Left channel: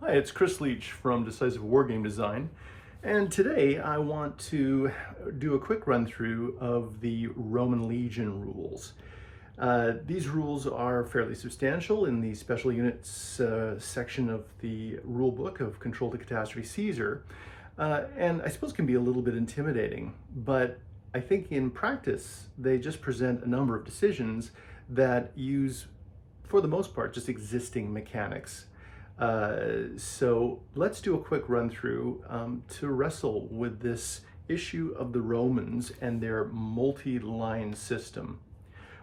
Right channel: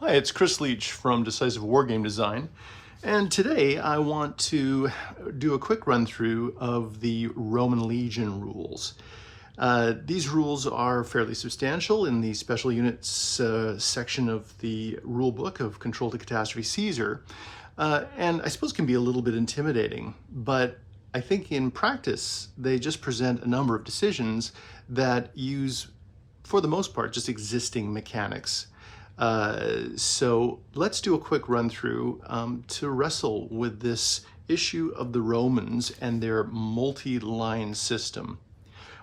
Hi, it's Chris Leach from Decisive Wargame Design, and today I want to do a quick run through of the Roman Legion rules. These rules are fairly substantial in the special units section of the rulebook of Control to Catastrophe Caesar, and I suppose can be a little bit intimidating, but I think in practice they just present a number of decisions that use, for the most part, just existing mechanics. So let's do a quick run through to wrestle with this issue of the Romans and their multi-line system.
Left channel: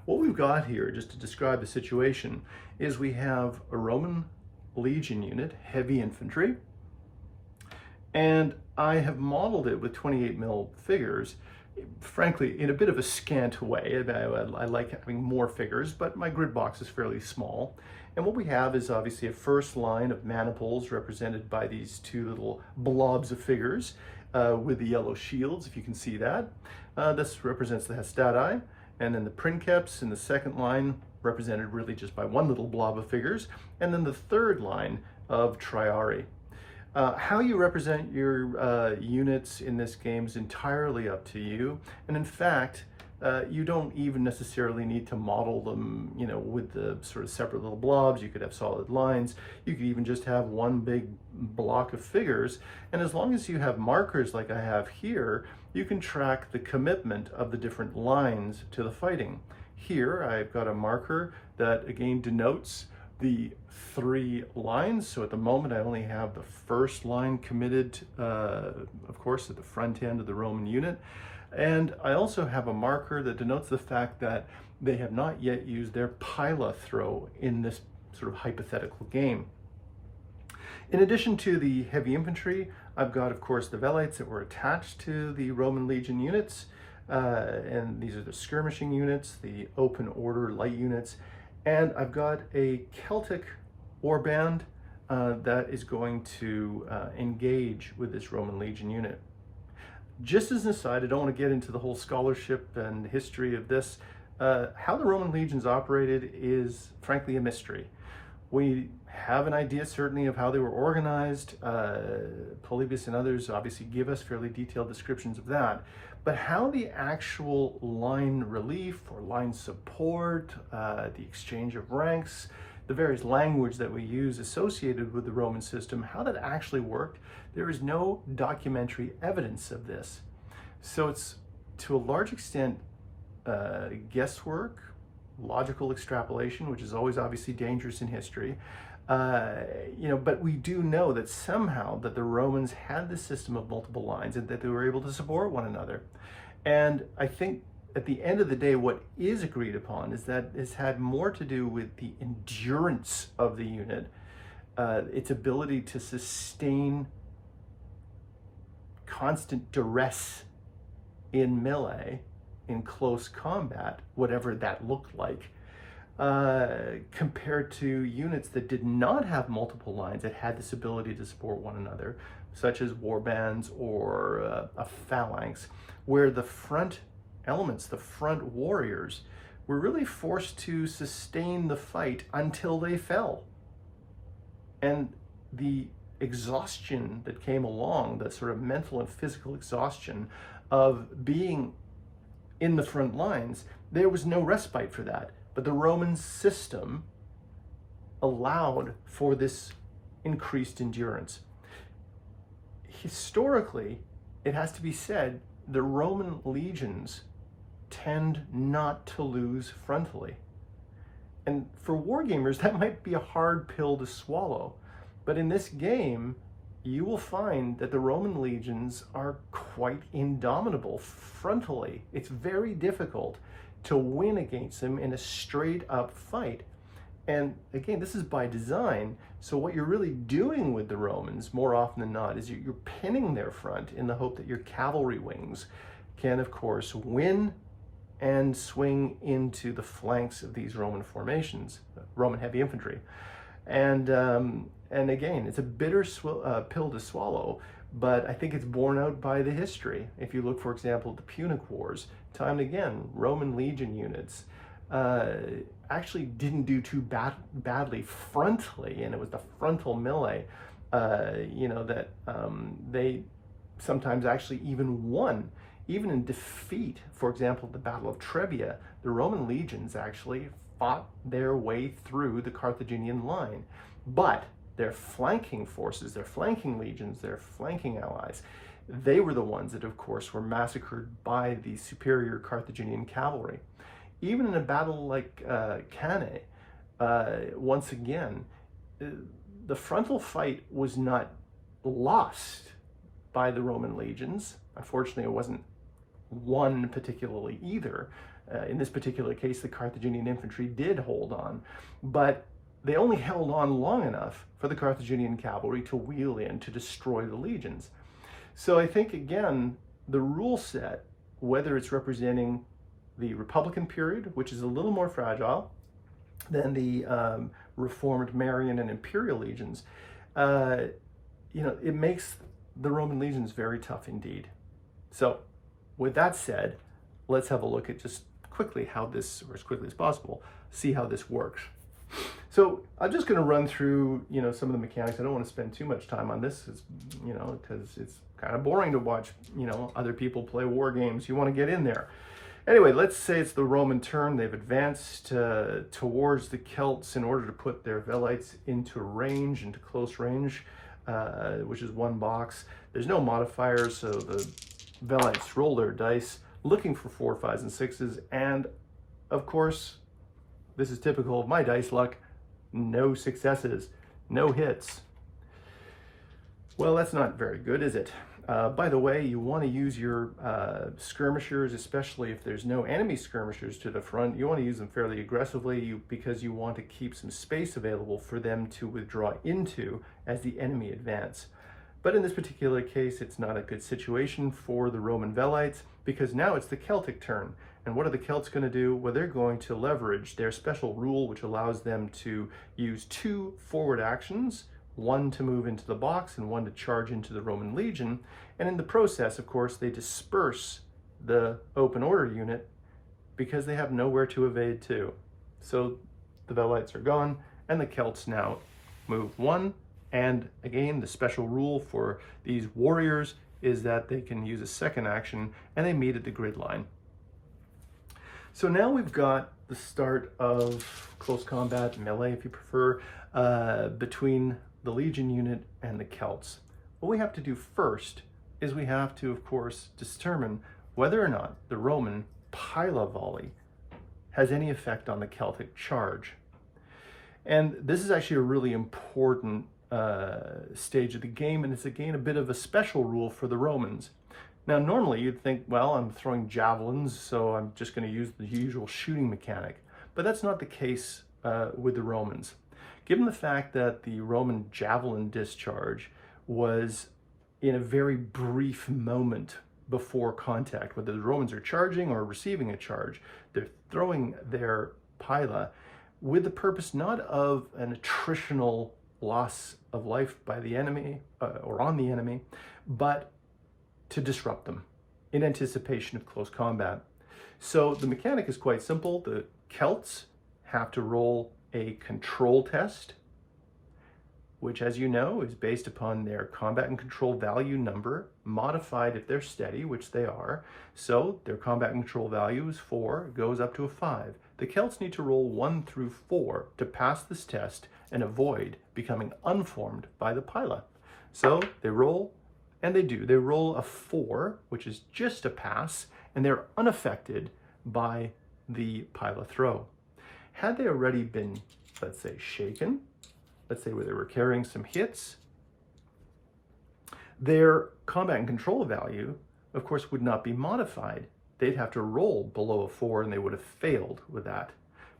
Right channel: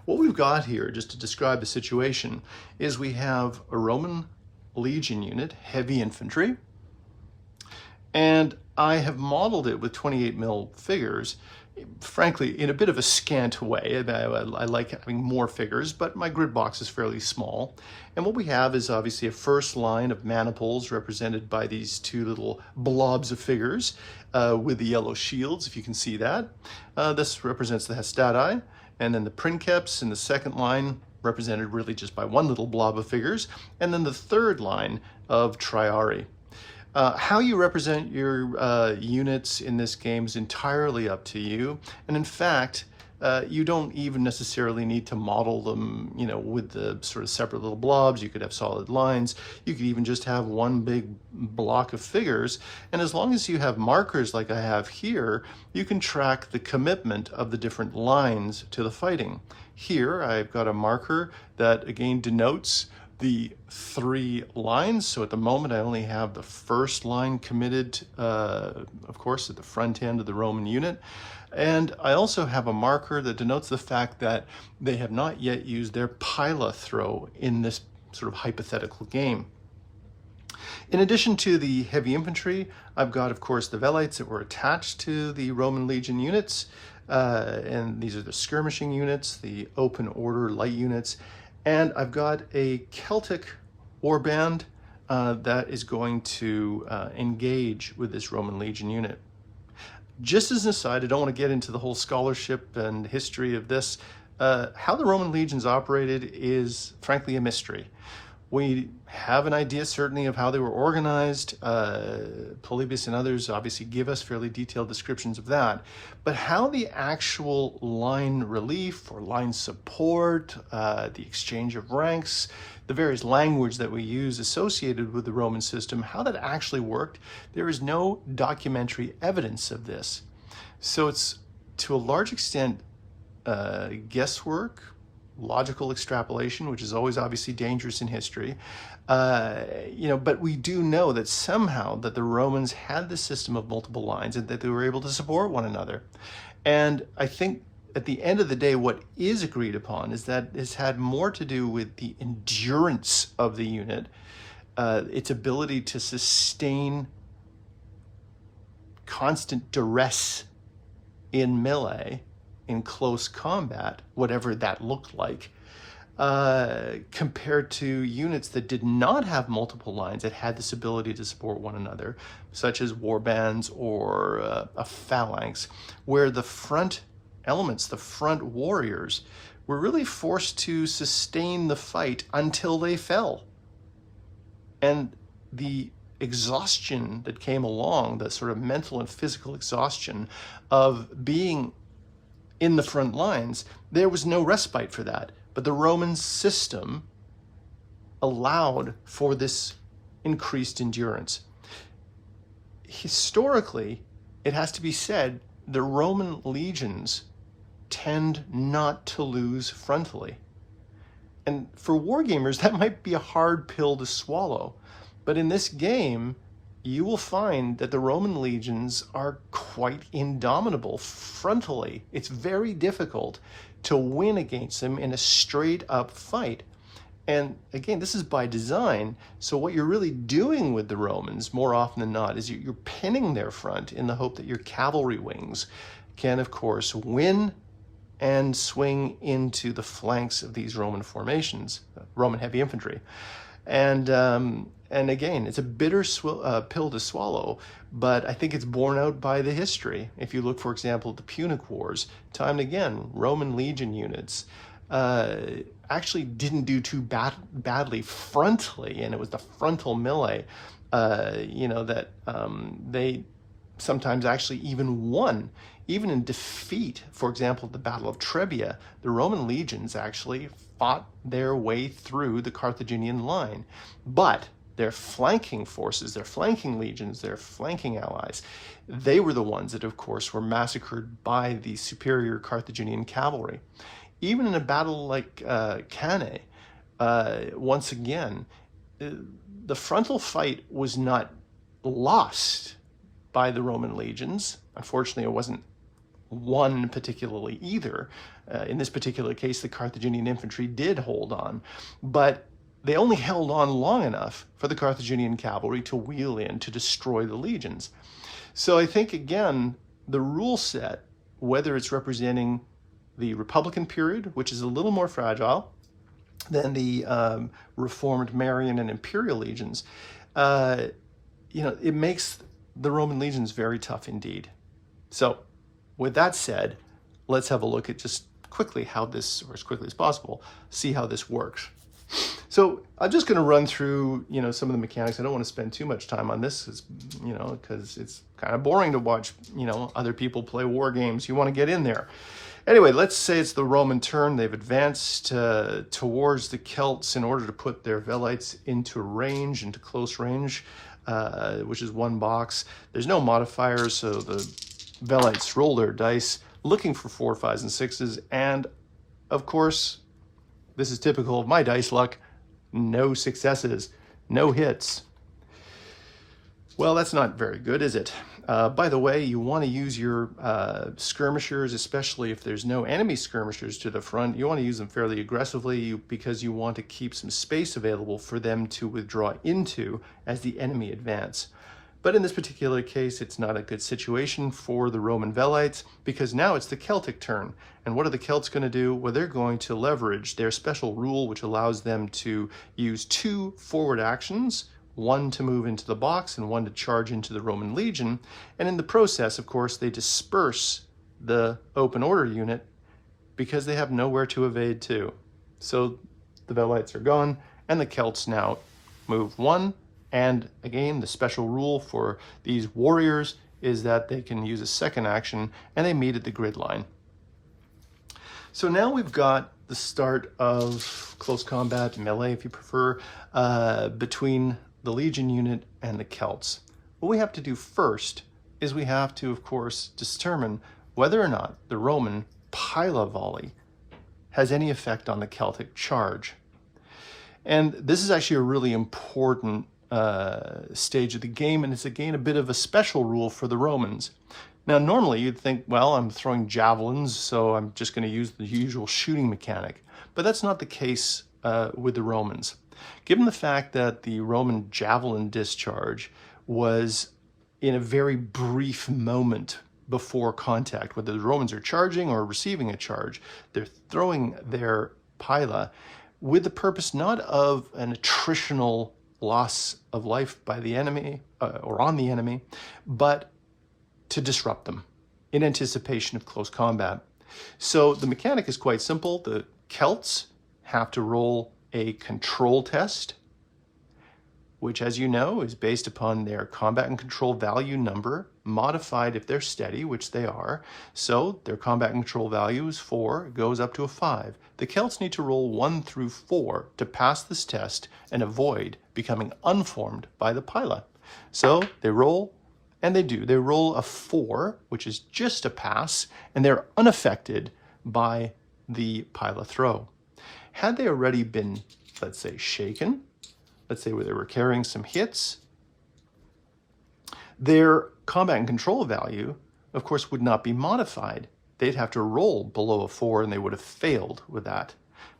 What we've got here, just to describe the situation, is we have a Roman legion unit, heavy infantry, and I have modeled it with 28 mil figures, frankly, in a bit of a scant way. I like having more figures, but my grid box is fairly small. And what we have is obviously a first line of maniples represented by these two little blobs of figures with the yellow shields, if you can see that. This represents the Hastati, and then the princeps in the second line represented really just by one little blob of figures, and then the third line of triarii. How you represent your units in this game is entirely up to you. And in fact, you don't even necessarily need to model them, with the sort of separate little blobs. You could have solid lines. You could even just have one big block of figures. And as long as you have markers like I have here, you can track the commitment of the different lines to the fighting. Here, I've got a marker that again denotes the three lines. So at the moment I only have the first line committed, of course, at the front end of the Roman unit. And I also have a marker that denotes the fact that they have not yet used their pila throw in this sort of hypothetical game. In addition to the heavy infantry, I've got, of course, the velites that were attached to the Roman legion units. And these are the skirmishing units, the open order light units. And I've got a Celtic warband that is going to engage with this Roman legion unit. Just as an aside, I don't want to get into the whole scholarship and history of this. How the Roman legions operated is frankly a mystery. We have an idea certainly of how they were organized. Polybius and others obviously give us fairly detailed descriptions of that. But how the actual line relief or line support, the exchange of ranks, the various language that we use associated with the Roman system, how that actually worked, there is no documentary evidence of this. So it's to a large extent guesswork, logical extrapolation, which is always obviously dangerous in history. But we do know that somehow that the Romans had the system of multiple lines and that they were able to support one another. And I think at the end of the day, what is agreed upon is that it's had more to do with the endurance of the unit, its ability to sustain constant duress in melee, in close combat, whatever that looked like, compared to units that did not have multiple lines, that had this ability to support one another, such as warbands or a phalanx, where the front elements, the front warriors, were really forced to sustain the fight until they fell. And the exhaustion that came along, the sort of mental and physical exhaustion of being in the front lines, there was no respite for that. But the Roman system allowed for this increased endurance. Historically, it has to be said, the Roman legions tend not to lose frontally. And for wargamers, that might be a hard pill to swallow. But in this game, you will find that the Roman legions are quite indomitable frontally. It's very difficult to win against them in a straight up fight. And again, this is by design. So what you're really doing with the Romans more often than not is you're pinning their front in the hope that your cavalry wings can, of course, win and swing into the flanks of these Roman formations, Roman heavy infantry. And again, it's a bitter pill to swallow, but I think it's borne out by the history. If you look, for example, at the Punic Wars, time and again, Roman legion units actually didn't do too badly frontally, and it was the frontal melee that they sometimes actually even won. Even in defeat, for example, the Battle of Trebia, the Roman legions actually fought their way through the Carthaginian line. But their flanking forces, their flanking legions, their flanking allies, they were the ones that, of course, were massacred by the superior Carthaginian cavalry. Even in a battle like Cannae, once again, the frontal fight was not lost by the Roman legions. Unfortunately, it wasn't won particularly either. In this particular case, the Carthaginian infantry did hold on, but they only held on long enough for the Carthaginian cavalry to wheel in to destroy the legions. So I think, again, the rule set, whether it's representing the Republican period, which is a little more fragile than the Reformed Marian and Imperial legions, it makes the Roman legions very tough indeed. So with that said, let's have a look at just quickly how this, or as quickly as possible, see how this works. So I'm just going to run through, some of the mechanics. I don't want to spend too much time on this, because it's kind of boring to watch, other people play war games. You want to get in there. Anyway, let's say it's the Roman turn. They've advanced towards the Celts in order to put their Velites into range, into close range, which is 1 box. There's no modifiers, so the Velites roll their dice, looking for 4, 5s, and 6s, and of course, this is typical of my dice luck, no successes, no hits. Well, that's not very good, is it? By the way, you want to use your skirmishers, especially if there's no enemy skirmishers to the front. You want to use them fairly aggressively because you want to keep some space available for them to withdraw into as the enemy advance. But in this particular case, it's not a good situation for the Roman Velites because now it's the Celtic turn. And what are the Celts going to do? Well, they're going to leverage their special rule, which allows them to use 2 forward actions, 1 to move into the box and 1 to charge into the Roman legion. And in the process, of course, they disperse the open order unit because they have nowhere to evade to. So the Velites are gone, and the Celts now move 1. And again, the special rule for these warriors is that they can use a second action and they meet at the grid line. So now we've got the start of close combat, melee if you prefer, between the Legion unit and the Celts. What we have to do first is we have to, of course, determine whether or not the Roman Pila volley has any effect on the Celtic charge. And this is actually a really important stage of the game, and it's again a bit of a special rule for the Romans. Now normally you'd think, well, I'm throwing javelins, so I'm just going to use the usual shooting mechanic, but that's not the case with the Romans. Given the fact that the Roman javelin discharge was in a very brief moment before contact, whether the Romans are charging or receiving a charge, they're throwing their pila with the purpose not of an attritional loss of life by the enemy or on the enemy, but to disrupt them in anticipation of close combat. So the mechanic is quite simple. The Celts have to roll a control test, which, as you know, is based upon their combat and control value number, modified if they're steady, which they are. So their combat and control value is 4, it goes up to a 5. The Celts need to roll 1 through 4 to pass this test and avoid becoming unformed by the pila. So they roll, and they do. They roll a 4, which is just a pass, and they're unaffected by the pila throw. Had they already been, let's say, shaken, let's say where they were carrying some hits, their combat and control value, of course, would not be modified. They'd have to roll below a 4 and they would have failed with that.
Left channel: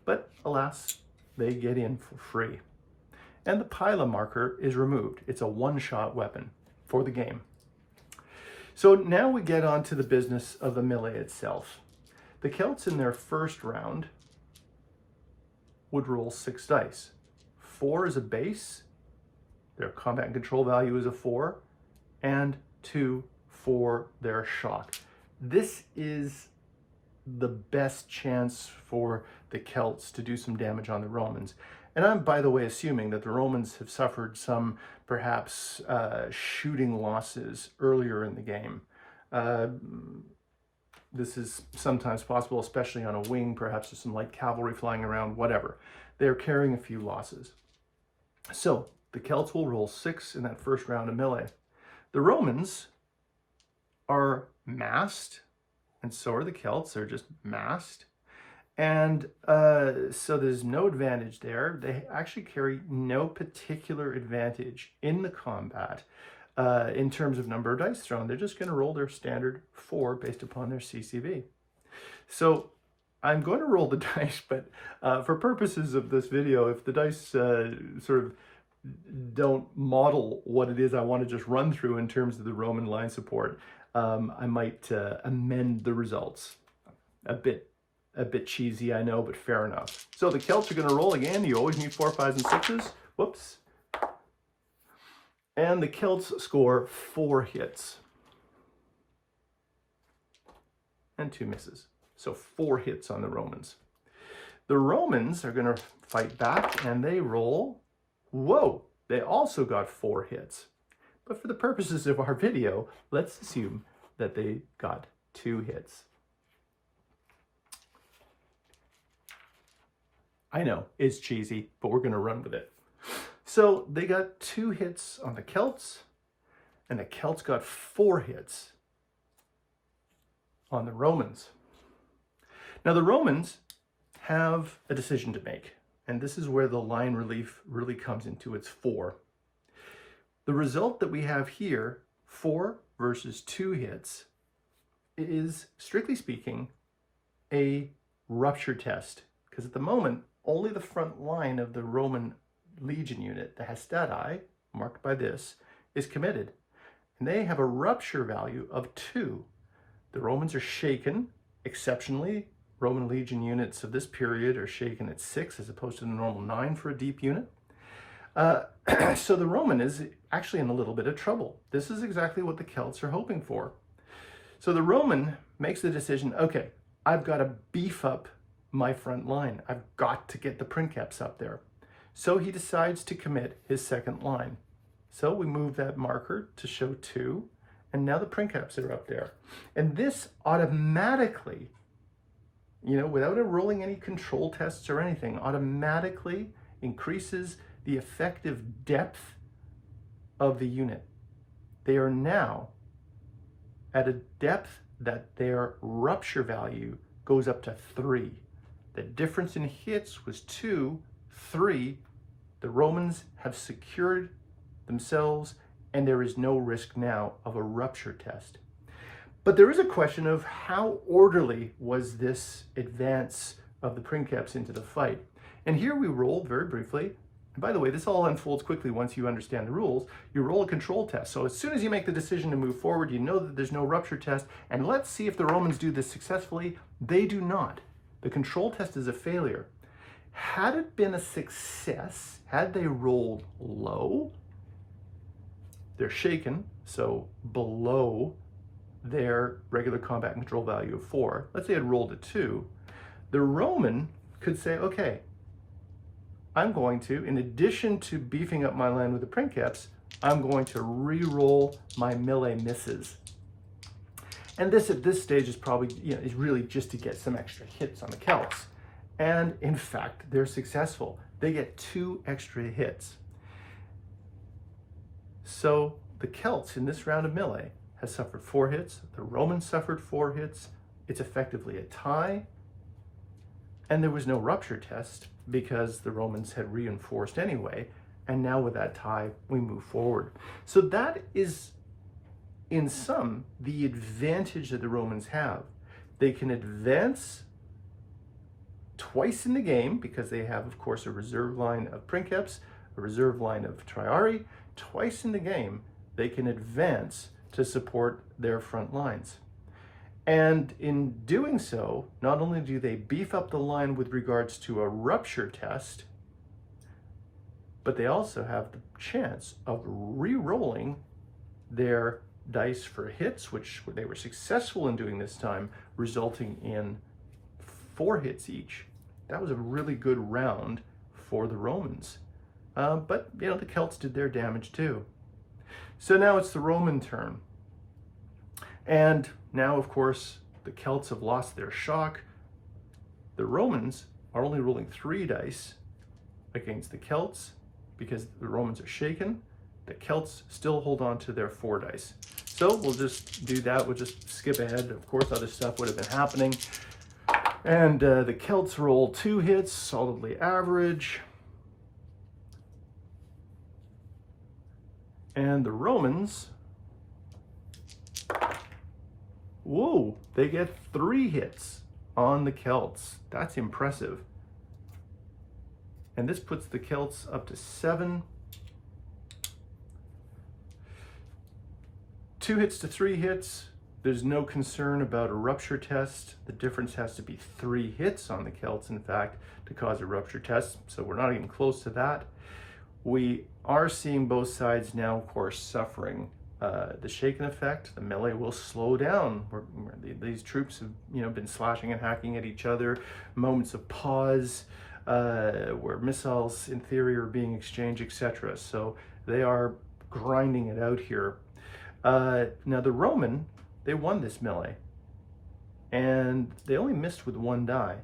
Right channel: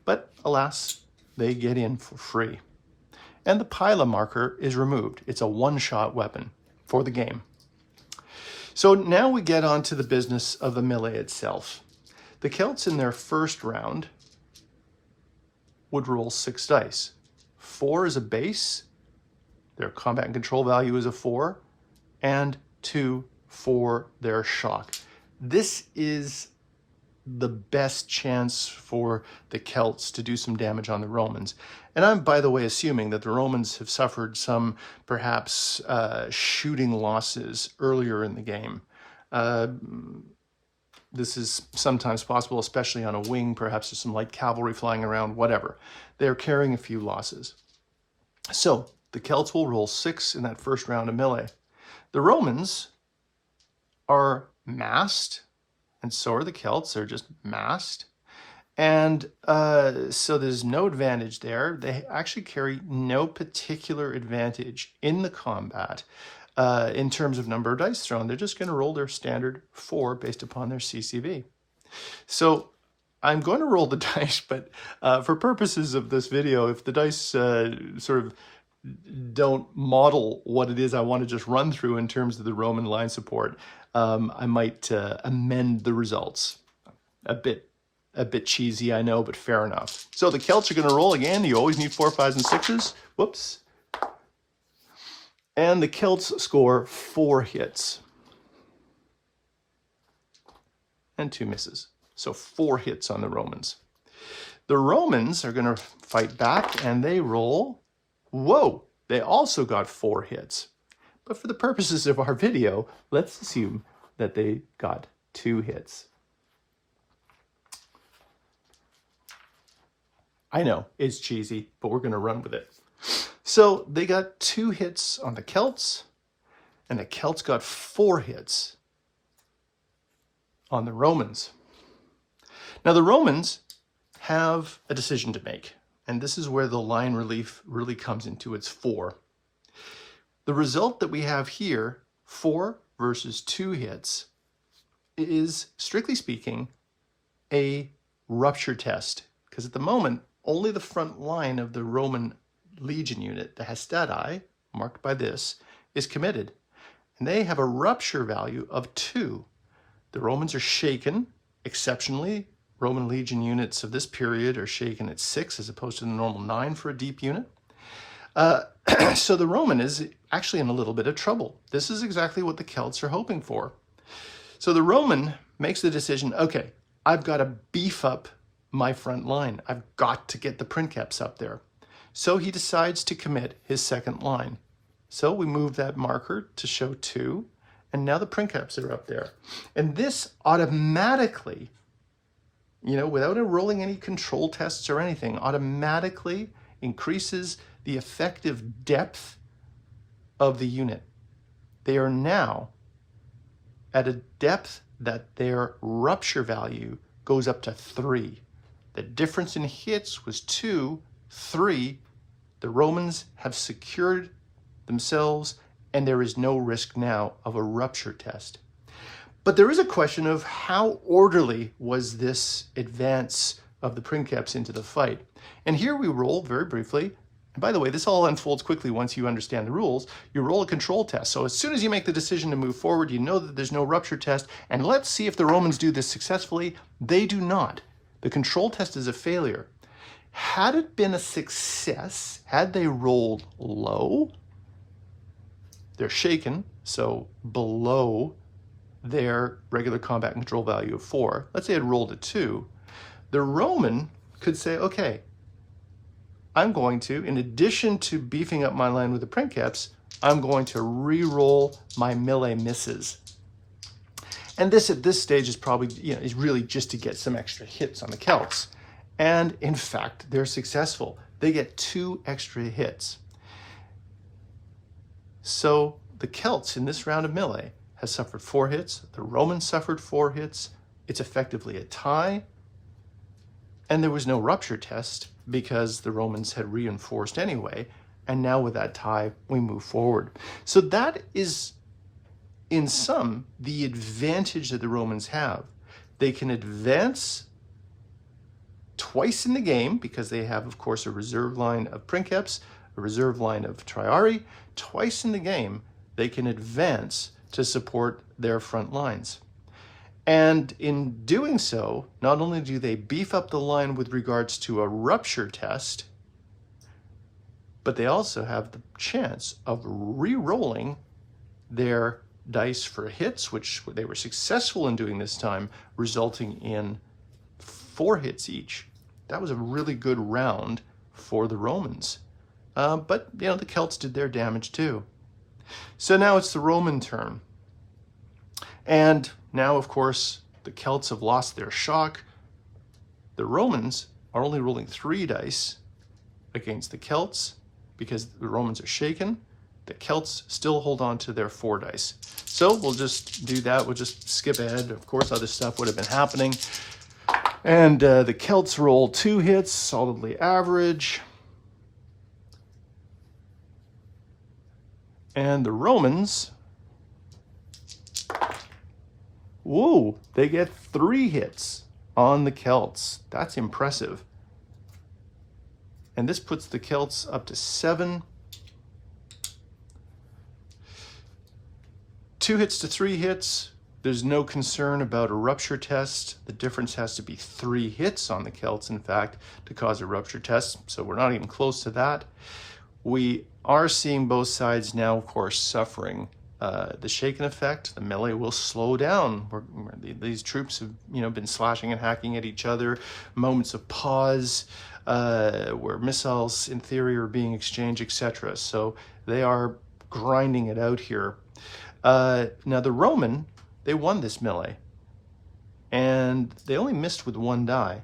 But alas, they get in for free. And the pila marker is removed. It's a one-shot weapon for the game. So now we get on to the business of the melee itself. The Celts in their first round would roll 6 dice. 4 is a base, their combat and control value is a 4, and 2 for their shock. This is the best chance for the Celts to do some damage on the Romans. And I'm, by the way, assuming that the Romans have suffered some perhaps shooting losses earlier in the game. This is sometimes possible, especially on a wing. Perhaps there's some light cavalry flying around, whatever. They're carrying a few losses. So the Celts will roll 6 in that first round of melee. The Romans are massed, and so are the Celts. They're just massed. And so there's no advantage there. They actually carry no particular advantage in the combat in terms of number of dice thrown. They're just going to roll their standard 4 based upon their CCV. So I'm going to roll the dice, but for purposes of this video, if the dice sort of don't model what it is I want to just run through in terms of the Roman line support, I might amend the results. A bit cheesy, I know, but fair enough. So the Celts are going to roll again. You always need 4, 5s, and 6s. Whoops. And the Celts score 4 hits. And 2 misses. So 4 hits on the Romans. The Romans are going to fight back, and they roll. Whoa! They also got 4 hits. But for the purposes of our video, let's assume that they got 2 hits. I know, it's cheesy, but we're going to run with it. So they got 2 hits on the Celts, and the Celts got 4 hits on the Romans. Now the Romans have a decision to make, and this is where the line relief really comes into its fore. The result that we have here, 4 versus 2 hits, is, strictly speaking, a rupture test, because at the moment, only the front line of the Roman legion unit, the Hastati, marked by this, is committed. And they have a rupture value of 2. The Romans are shaken. Exceptionally, Roman legion units of this period are shaken at 6 as opposed to the normal 9 for a deep unit. So the Roman is actually in a little bit of trouble. This is exactly what the Celts are hoping for. So the Roman makes the decision, okay, I've got to beef up my front line. I've got to get the princeps up there. So he decides to commit his second line. So we move that marker to show 2, and now the princeps are up there. And this automatically, without it rolling any control tests or anything, automatically increases the effective depth of the unit. They are now at a depth that their rupture value goes up to 3. The difference in hits was 2, 3. The Romans have secured themselves, and there is no risk now of a rupture test. But there is a question of how orderly was this advance of the princeps into the fight. And here we roll very briefly. And by the way, this all unfolds quickly once you understand the rules. You roll a control test. So as soon as you make the decision to move forward, you know that there's no rupture test. And let's see if the Romans do this successfully. They do not. The control test is a failure. Had it been a success, had they rolled low, they're shaken, so below their regular combat control value of 4. Let's say it rolled a 2. The Roman could say, okay, I'm going to, in addition to beefing up my line with the princeps, I'm going to re-roll my melee misses. And this at this stage is probably, is really just to get some extra hits on the Celts. And in fact, they're successful. They get 2 extra hits. So the Celts in this round of melee has suffered 4 hits. The Romans suffered 4 hits. It's effectively a tie. And there was no rupture test because the Romans had reinforced anyway. And now with that tie, we move forward. So that is, in sum, the advantage that the Romans have. They can advance twice in the game because they have, of course, a reserve line of princeps, a reserve line of triarii. Twice in the game, they can advance to support their front lines. And in doing so, not only do they beef up the line with regards to a rupture test, but they also have the chance of re-rolling their dice for hits, which they were successful in doing this time, resulting in 4 hits each. That was a really good round for the Romans. But, you know, the Celts did their damage too. So now it's the Roman turn. And now, of course, the Celts have lost their shock. The Romans are only rolling 3 dice against the Celts because the Romans are shaken. The Celts still hold on to their 4 dice. So we'll just do that. We'll just skip ahead. Of course, other stuff would have been happening. And the Celts roll 2 hits, solidly average. And the Romans, whoa, they get 3 hits on the Celts. That's impressive. And this puts the Celts up to 7. 2 hits to 3 hits. There's no concern about a rupture test. The difference has to be 3 hits on the Celts, in fact, to cause a rupture test. So we're not even close to that. We are seeing both sides now, of course, suffering the shaken effect. The melee will slow down. These troops have, you know, been slashing and hacking at each other. Moments of pause where missiles, in theory, are being exchanged, etc. So they are grinding it out here. Now the Roman, they won this melee, and they only missed with 1 die.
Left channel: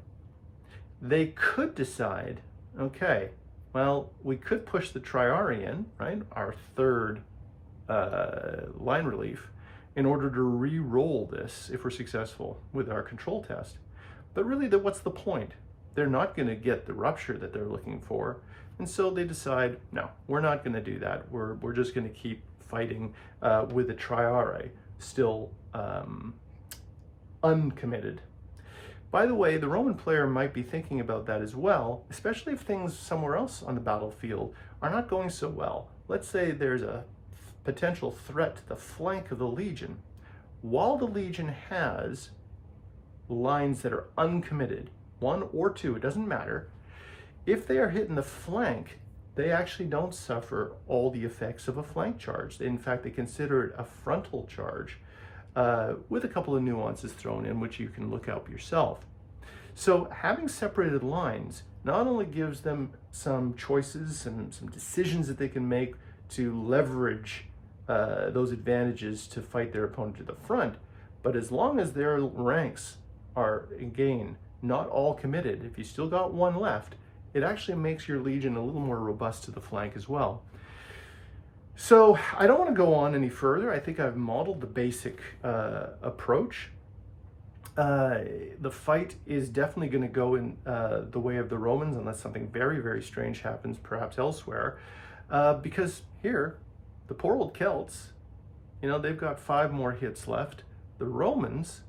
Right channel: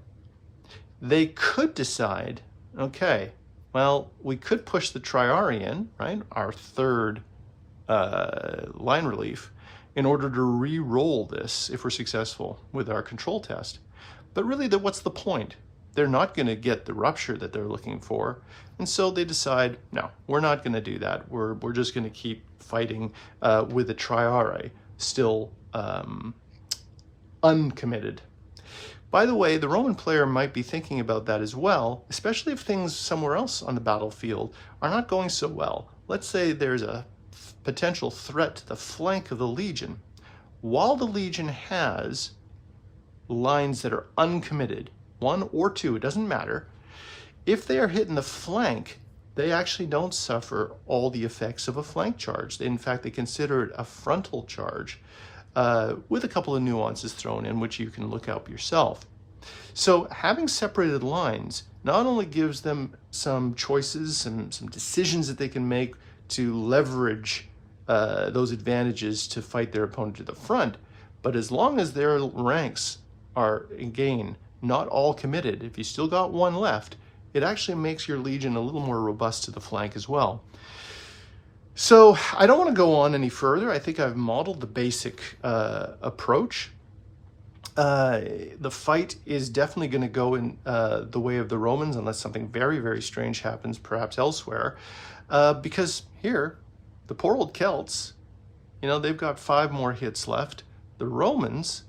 They could decide, okay, well, we could push the Triarii in, right, our 3rd line relief, in order to re-roll this if we're successful with our control test. But really, what's the point? They're not going to get the rupture that they're looking for, and so they decide, no, we're not going to do that. We're just going to keep fighting with the Triarii still uncommitted. By the way, the Roman player might be thinking about that as well, especially if things somewhere else on the battlefield are not going so well. Let's say there's a potential threat to the flank of the legion. While the legion has lines that are uncommitted, 1 or 2, it doesn't matter, if they are hit in the flank, they actually don't suffer all the effects of a flank charge. In fact, they consider it a frontal charge, with a couple of nuances thrown in, which you can look up yourself. So having separated lines not only gives them some choices, some decisions that they can make to leverage those advantages to fight their opponent to the front, but as long as their ranks are, again, not all committed, if you still got 1 left, it actually makes your legion a little more robust to the flank as well. So I don't want to go on any further. I think I've modeled the basic approach. The fight is definitely going to go in the way of the Romans, unless something very, very strange happens, perhaps elsewhere. Because here, the poor old Celts, you know, they've got 5 more hits left. The Romans,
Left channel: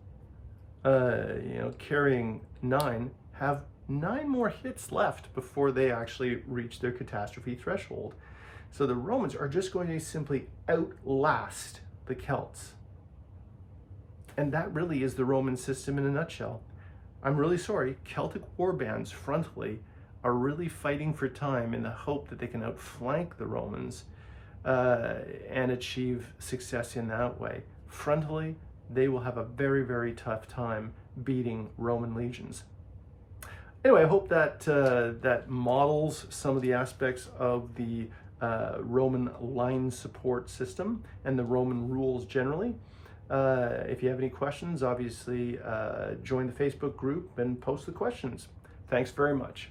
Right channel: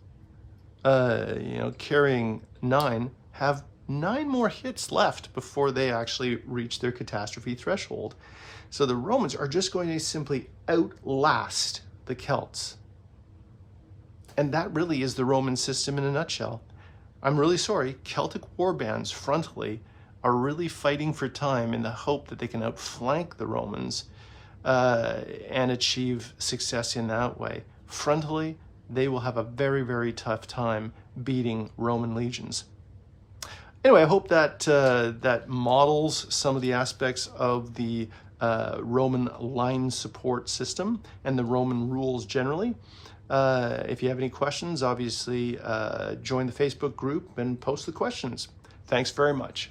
you know, carrying 9, have 9 more hits left before they actually reach their catastrophe threshold. So the Romans are just going to simply outlast the Celts. And that really is the Roman system in a nutshell. I'm really sorry, Celtic warbands frontally are really fighting for time in the hope that they can outflank the Romans and achieve success in that way. Frontally, they will have a very, very tough time beating Roman legions. Anyway, I hope that that models some of the aspects of the Roman line support system and the Roman rules generally. If you have any questions, obviously join the Facebook group and post the questions. Thanks very much.